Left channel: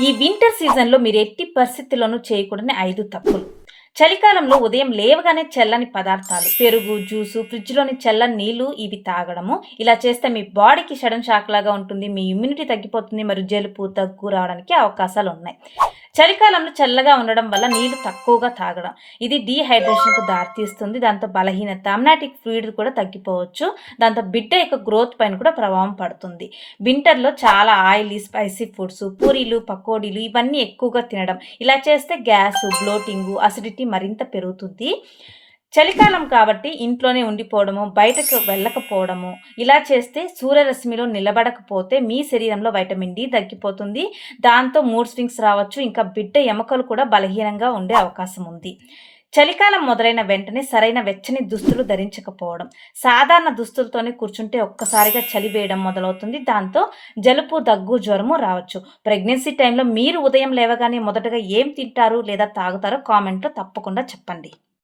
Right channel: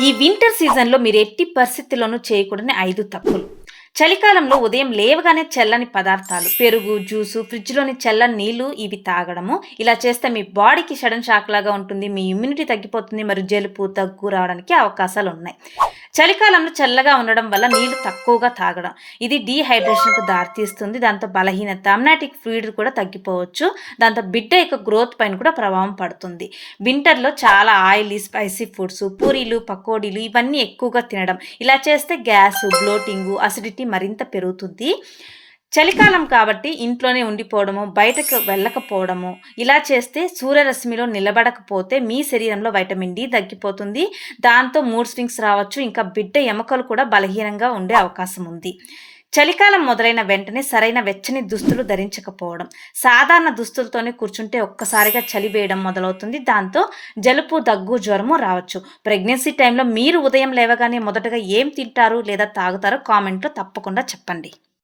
ఈ వింటర్ సీజన్‌లో మీరు ఎట్టి పరిస్థితుల్లోనూ చేయకూడని ఐదు తప్పులు. చలికాలంలో ఉదయం లేవగానే చల్లని పదార్థాలు, పెరుగు, జ్యూసు, ఫ్రిడ్జ్‌లోని చల్లని నీళ్ళు ఇవి తాగడము. ఇలా చేస్తే మీ బాడీకి సడన్ షాక్ లాగా ఉంటుంది. మీ ఇమ్యూనిటీ తగ్గిపోతుంది. మరియు జలుబు, దగ్గు రావడానికి అవకాశాలు ఉన్నాయి చలికాలంలో చల్లగా ఉండడం వల్ల నీళ్ళు తక్కువగా తాగడం. ఇది డీహైడ్రేషన్‌కు దారితీస్తుంది. దాంతో బలహీనత, అమ్నాటిక్ ఫ్లూయిడ్ కూడా తగ్గిపోవచ్చు. దాంతో బిడ్డ యొక్క గ్రోత్ పైన కూడా ప్రభావం పడుతుంది. వింటర్‌లో చాలా ఆయిలీ, స్పైసీ ఫుడ్స్, పూరీలు, పకోడీలు ఇవన్నీ ఎక్కువగా తినడం. ఇలా చేస్తే గ్యాస్ బ్లోటింగు, అసిడిటీ మరింత పెరుగుతుంది. చలికాలం కాబట్టి ఇంట్లోనే ఉండిపోవడము, బయటకు వెళ్ళకపోవడము, ఇలా చేస్తే సూర్యరశ్మిలో నిలబడకపోతే మీ శరీరంలో వైటమిన్ డి తగ్గిపోతుంది. దాంతో మూడ్ స్వింగ్స్ రావచ్చు. ఇంకా బిడ్డ ఎముకలు కూడా బలహీనంగా ఉండే అవకాశం ఉంది. చలికాలం మొదలైన వెంటనే సరైన వెచ్చని దుస్తులు ధరించకపోవడం. సాధారణ దుస్తులతోనే కూర్చుంటే ఒక్కసారిగా చలి వేయడం మొదలవుతుంది. దాంతో జలుబు, దగ్గు, జ్వరము రావచ్చు. ప్రెగ్నెన్సీ టైంలో మీరు ఉదయం లేవగానే మొదటగా ఏం తింటారు లేదా తాగుతారో కామెంట్‌లో తప్పకుండా చెప్పండి.